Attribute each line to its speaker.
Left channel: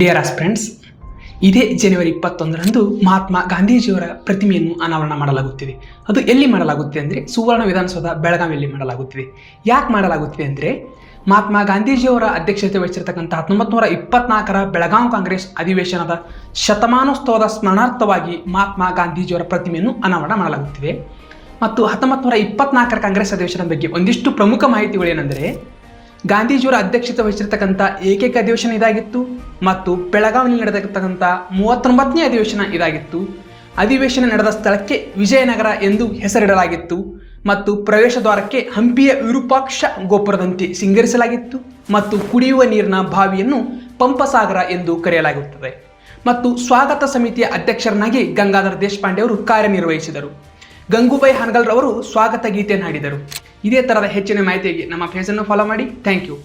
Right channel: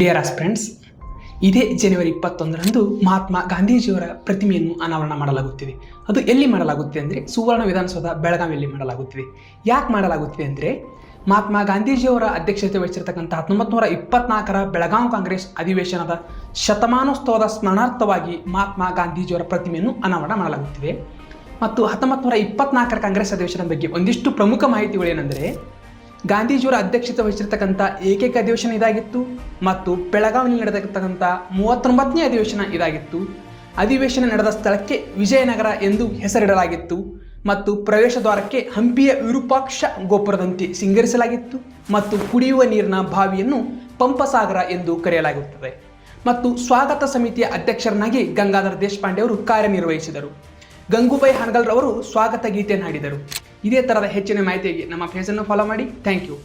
Speaker 1: Dear friends ಇದೇ ಜನವರಿ ಇಪ್ಪತ್ತೊಂದರಂದು ಮಹಾತ್ಮ ಗಾಂಧೀಜಿಯವರ ಪ್ರತಿಮೆಯನ್ನು ಅನಾವರಣ ಮಾಡಲಾಗುತ್ತಿದೆ. ಅದು ಎಲ್ಲಿ ಮಾಡಲಾಗುತ್ತಿದೆ ಅಂದರೆ ಸುವರ್ಣ ವಿಧಾನಸೌಧ ಬೆಳಗಾವಿಯಲ್ಲಿ ಮಾಡಲಾಗುತ್ತಿದೆ. ಯಾಕೆ ಮಾಡಲಾಗುತ್ತಿದೆ ಅಂದರೆ ಮಹಾತ್ಮ ಗಾಂಧೀಜಿಯವರ ಅಧ್ಯಕ್ಷತೆ ವಹಿಸಿರತಕ್ಕಂಥ ಹತ್ತೊಂಬತ್ತು ನೂರ ಇಪ್ಪತ್ನಾಲ್ಕರ ಬೆಳಗಾವಿ ಕಾಂಗ್ರೆಸ್ ಅಧಿವೇಶನದ ಶತಮಾನೋತ್ಸವದ ಸ್ಮರಣಾರ್ಥವಾಗಿ ಮಹಾತ್ಮ ಗಾಂಧೀಜಿಯವರ ಪ್ರತಿಮೆಯನ್ನು ಅನಾವರಣ ಮಾಡಲಾಗುತ್ತಿದೆ. ಮತ್ತು ಹತ್ತೊಂಬತ್ತು ನೂರ ಇಪ್ಪತ್ನಾಲ್ಕರ ಕಾಂಗ್ರೆಸ್ ಅಧಿವೇಶನದ ಬಗ್ಗೆ ಒಂದಿಷ್ಟು ಪ್ರಮುಖ ಮಾಹಿತಿಗಳು ಏನೆಂದರೆ ಗಾಂಧೀಜಿಯವರ ಅಧ್ಯಕ್ಷತೆ ವಹಿಸಿರ್ತಕ್ಕಂಥ ಏಕೈಕ ಅಧಿವೇಶನ ಇದಾಗಿತ್ತು ಮತ್ತು ಬೆಳಗಾವಿಯಲ್ಲಿ ನಡೆದಿರ್ತಕ್ಕಂಥ ಮೂವತ್ತೊಂಬತ್ತನೇ ಅಧಿವೇಶನ ಇದಾಗಿತ್ತು. ಅಧಿವೇಶನ ನಡೆದ ಸ್ಥಳಕ್ಕೆ ವಿಜಯನಗರ ಎಂದು ಹೆಸರಿಡಲಾಗಿತ್ತು ಮತ್ತು ಪ್ರವೇಶ ದ್ವಾರಕ್ಕೆ ಹಂಪಿಯ ವಿರೂಪಾಕ್ಷ ಗೋಪುರದಂತೆ ಸಿಂಗರಿಸಲಾಗಿತ್ತು ಮತ್ತು ಕುಡಿಯುವ ನೀರಿನ ಬಾವಿಯನ್ನು ಪಂಪಸಾಗರ ಎಂದು ಕರೆಯಲಾಗುತ್ತದೆ. ಮತ್ತು ಸ್ವಾಗತ ಸಮಿತಿಯ ಅಧ್ಯಕ್ಷರನ್ನಾಗಿ ಗಂಗಾಧರ ದೇಶಪಾಂಡೆ ಅವರು ಕಾರ್ಯನಿರ್ವಹಿಸಿದರು. ಗಂಗೂಬಾಯಿ ಹಾನಗಲ್ರವರು ಸ್ವಾಗತ ಗೀತೆಯನ್ನು ಹಾಡಿದರು ಇದೇ ಥರದ ಹೆಚ್ಚಿನ ಮಾಹಿತಿಗೆ ನಮ್ಮ ಫೇಸನ್ನು ಫಾಲೋ ಮಾಡಿ. Thank you